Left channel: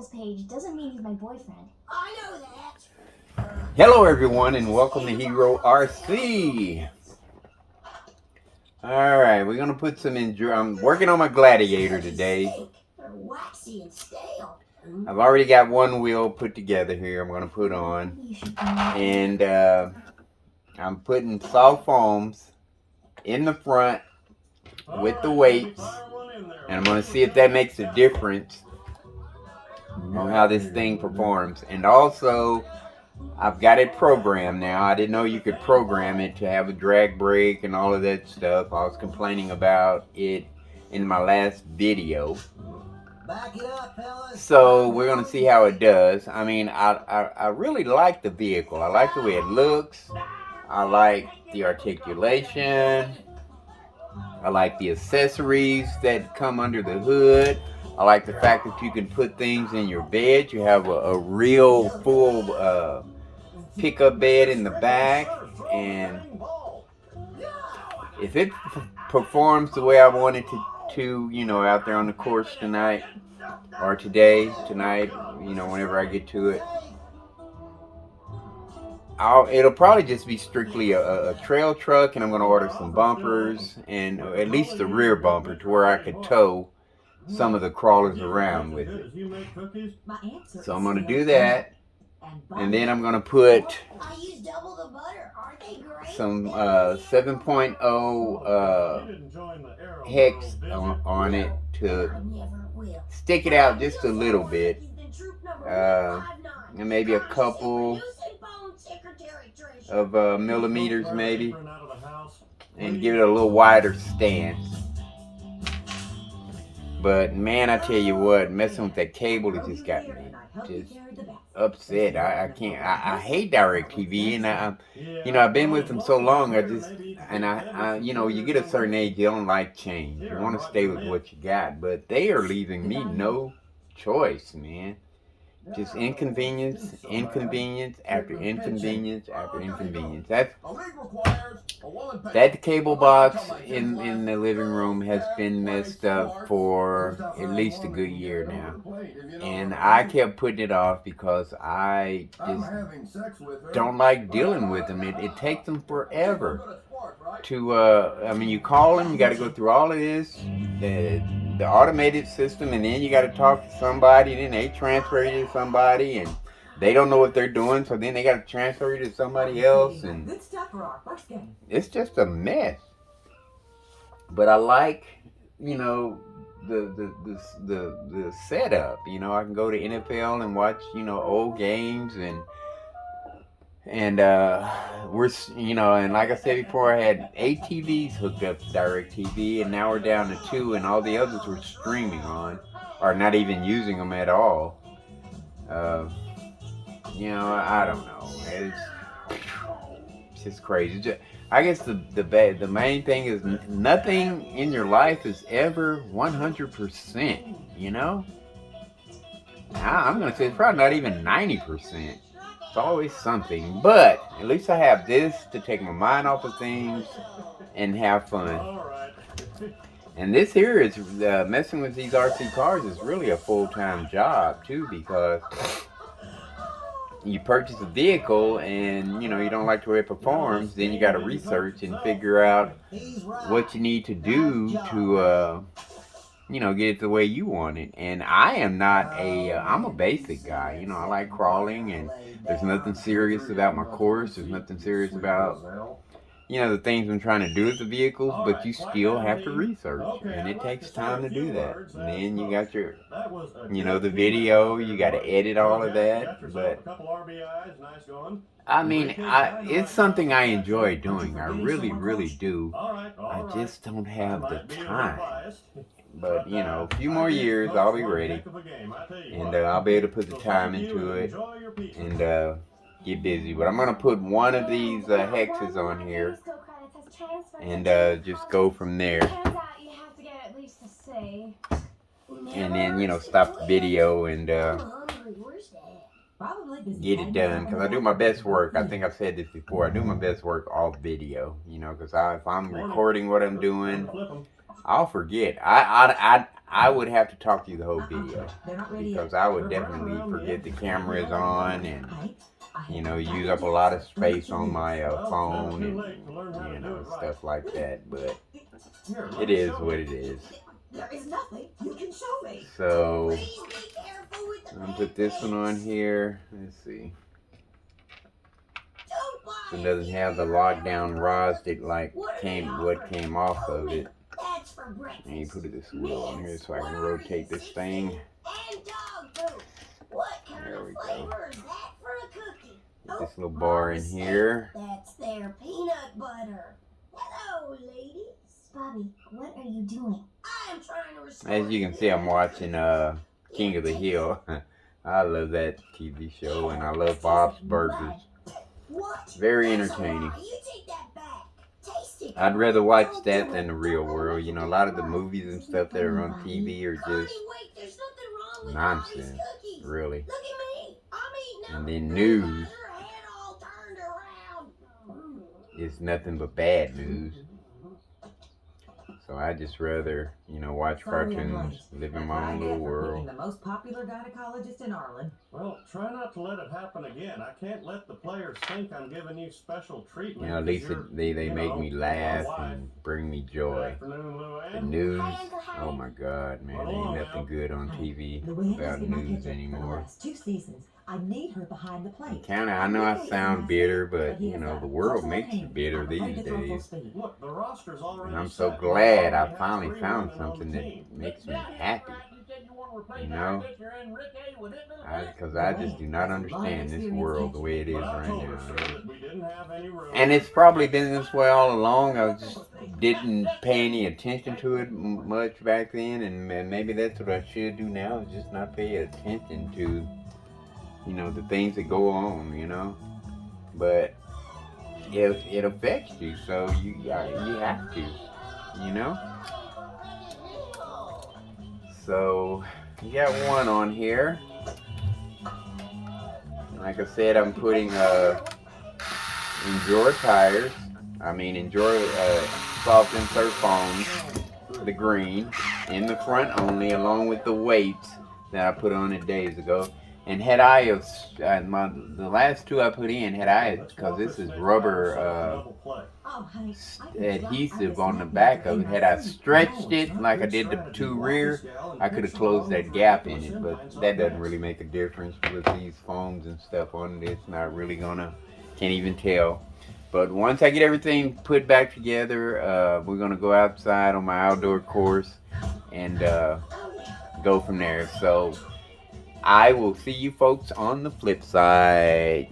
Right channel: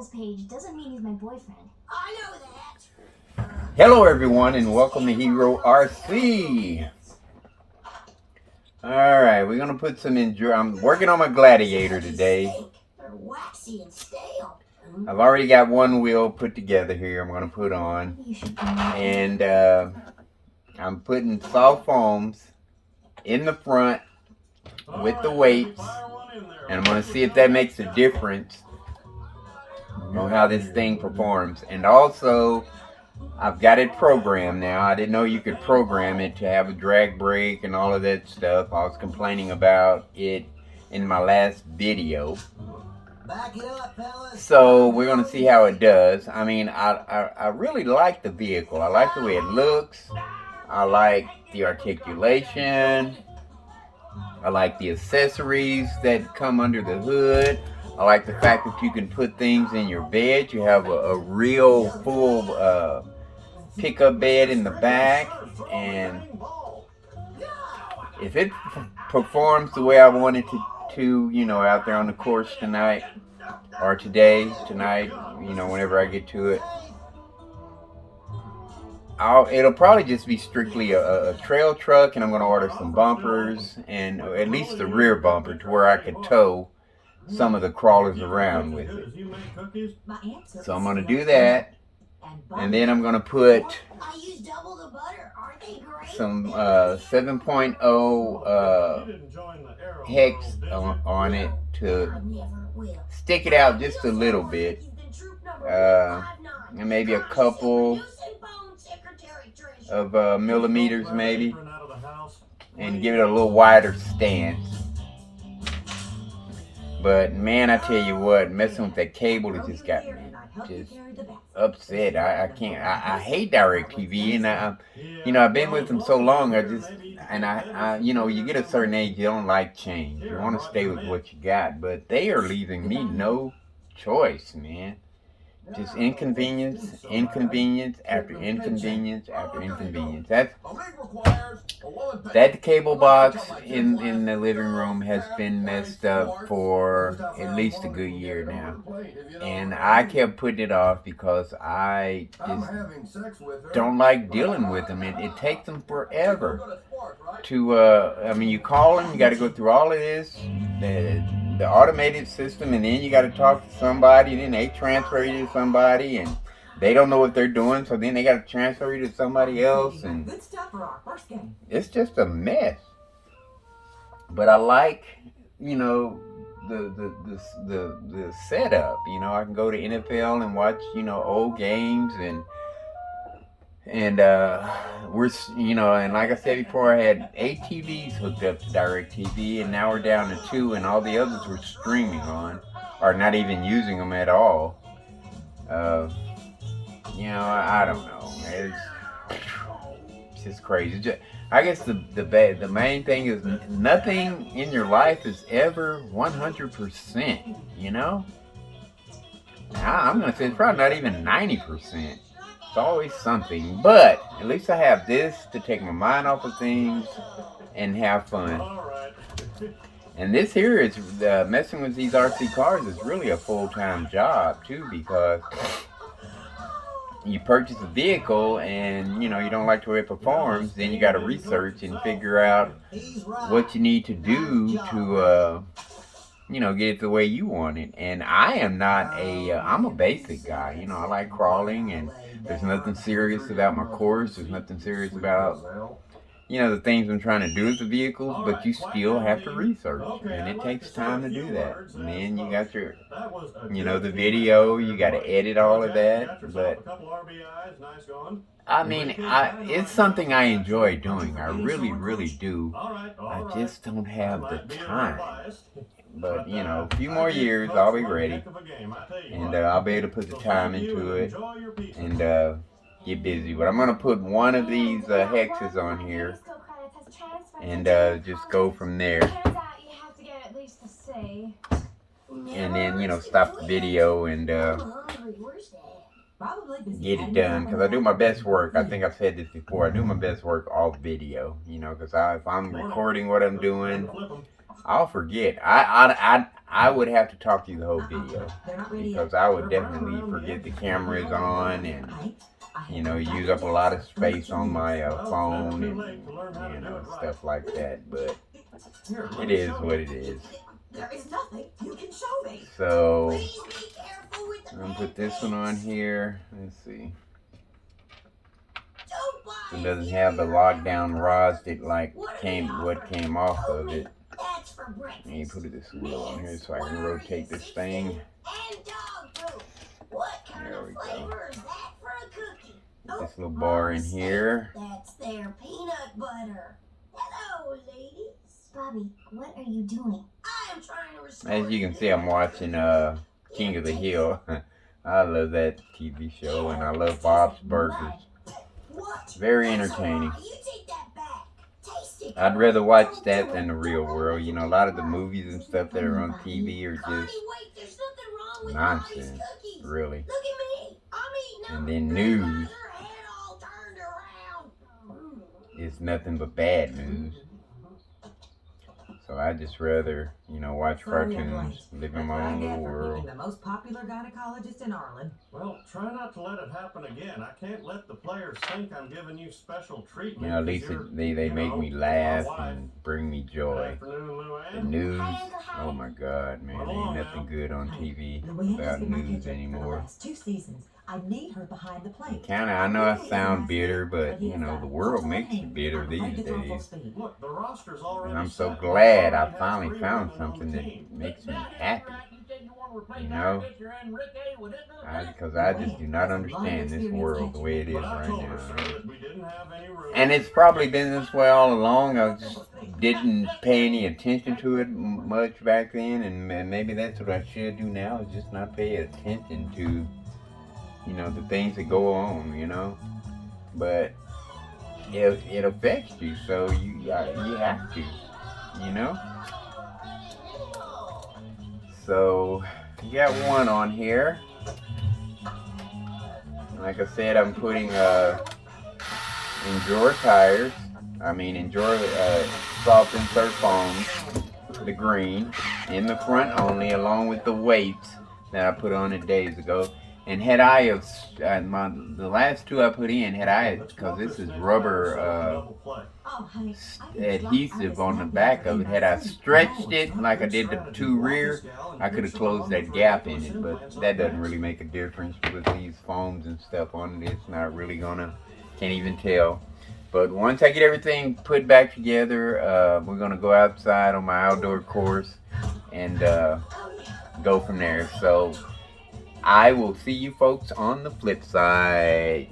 Vehicles page doesn't mean he's my boyfriend. I know that. Hello everyone and welcome to Hero RC. Alright, we're going to put some I'm working on my Gladiator today. They're waxy and stale. I've already got one wheel put together here I'm going to put on. And I'm putting soft foams in the front with the weights. And I'm going to see if that makes a difference on how this thing performs. And also, I've got it programmed now. I didn't know you could program it to have a drag brake and all of that stuff. I was complaining about it in my last video. Back it up, fellas. So we're going to see how it does. I mean, I really like the vehicle. I like the way it looks. I like the articulation. I like the accessories that come under the hood. I like the fact that you can put things in your bed. You have a real full pickup bed in the back, and if it performs the way I want it to, you know, out there on the course tonight, or tonight, you know, whenever I get to it, it'll probably just be strictly a trail truck, and I'm going to order some bumpers, and at least the rear bumper to where I could tow some of the crawlers around with it. So I'm going to do that, and then I'm going to put some 7.0 hex on it to stick it out just a little bit, and maybe a couple of millimeters maybe, and give it a little wider stance. But man, I tell you what, messing with that cable, it just got me just upset. I can't. I hate DirecTV, and you know, I've been with them so long. I you know, you get a certain age, you don't like change. You want to stay with what you got, but they are leaving me no choice, man. Just inconvenience after inconvenience after inconvenience. That cable box in the living room has been messed up for at least a good year now. And I kept putting it off because I just don't like dealing with them. It takes them forever to, I mean, you call them, you got to go through all of this, the automated system, and then you got to talk to somebody, then they transfer you to somebody, and they don't know what they're doing, so then they got to transfer you to somebody else, and it's just a mess. But I like, you know, the setup. You know, I can go to NFL and watch, you know, old games, and we're, you know, and like I said before, I had 8 TVs hooked up to DirecTV, and now we're down to 2, and all the others we're streaming on, or not even using them at all. You know, I don't know. It's just crazy. I guess the main thing is nothing in your life is ever 100%. You know, I'm gonna say it's probably not even 90%. It's always something, but at least I have this to take my mind off of things and have fun. And this here is messing with these RC cars is really a full-time job too, because you purchase a vehicle and, you know, you don't like the way it performs, then you got to research and figure out what you need to do to you know, get it the way you want it. And I am not I'm a basic guy. You know, I like crawling, and there's nothing serious about my course. There's nothing serious about, you know, the things I'm trying to do with the vehicles, but you still have to research, and it takes time to do that. And then you got your, you know, the video, you got to edit all of that. But I mean, it's something I enjoy doing. I really, really do. I just don't have the time. But, you know, a few more years, I'll be ready. And I'll be able to put the time into it and get busy. But I'm going to put one of these hexes on here and just go from there. And then, you know, stop the video and get it done. Because I do my best work. I think I've said this before. I do my best work off video. You know, because if I'm recording what I'm doing, I'll forget. I would have to talk to you the whole video They're not ready because yet. I would definitely forget the camera is on and you know use up a lot of space on my phone and you know stuff like that. But it is what it is. There is nothing you can show me. So Please be careful with the I'm gonna put this one on here. Let's see. It doesn't have the lockdown rods that like what came off of it. That's for breakfast. And you put this wheel on here so I can rotate this thing. And dog food. What kind There of we go. flavor is that for a cookie? Put this little bar in here. That's their peanut butter. Hello, ladies. Bobby, what are you doing? I am trying to restore. As you can see, I'm watching King of the Hill. I love that TV show, and I love Bob's Burgers. What? Very That's a entertaining. lie. You take that back. Taste it. I'd rather watch that than the real world. You know, a lot of the movies and stuff that are on TV are Connie, just wait, there's nothing wrong with Mommy's nonsense, cookies. really. Look at me. I'm eating And them. then Look, news her head all turned around. is nothing but bad news. So I just rather, you know, watch Sorry I'm cartoons, late. live in That's my what I own get little for world. picking the most popular gynecologist in Ireland. Well, try not to let it happen again. I can't let the players think I'm giving you special treatment. You know, at least they you make know, me laugh my wife. and bring me Good joy. afternoon, The Luann. news, Hi, Uncle Hank. oh my God, man, Run ain't along nothing now. good on TV Luann has without been my news pitcher for the anymore. last 2 seasons. I need her behind the plate. Kinda, I know I sound bitter, but you know, the world makes you bitter these days. Look, the roster's already And I'm so set. glad I Already has finally 3 found women on the something that team. makes me happy. You know? Because I just do not understand this world the way it is But I right told now. her, sir, that we didn't have any room. And it's probably been this way all along. I just didn't pay any attention to it much back then, and maybe that's what I should do now, is just not pay attention to, you know, the things that go on, you know. But it affects you, so you have to, you know. So you got one on here. Like I said, I'm putting Endure tires. Endure soft insert foams for the green in the front only, along with the weights that I put on it days ago. And had I have the last two I put in, had I, because this is rubber adhesive on the back of it, had I stretched it like I did the two rear, I could have closed that gap in it. But that doesn't really make a difference with these foams and stuff on it. It's not really gonna, can't even tell. But once I get everything put back together, we're gonna go outside on my outdoor course and go from there. So I will see you folks on the flip side.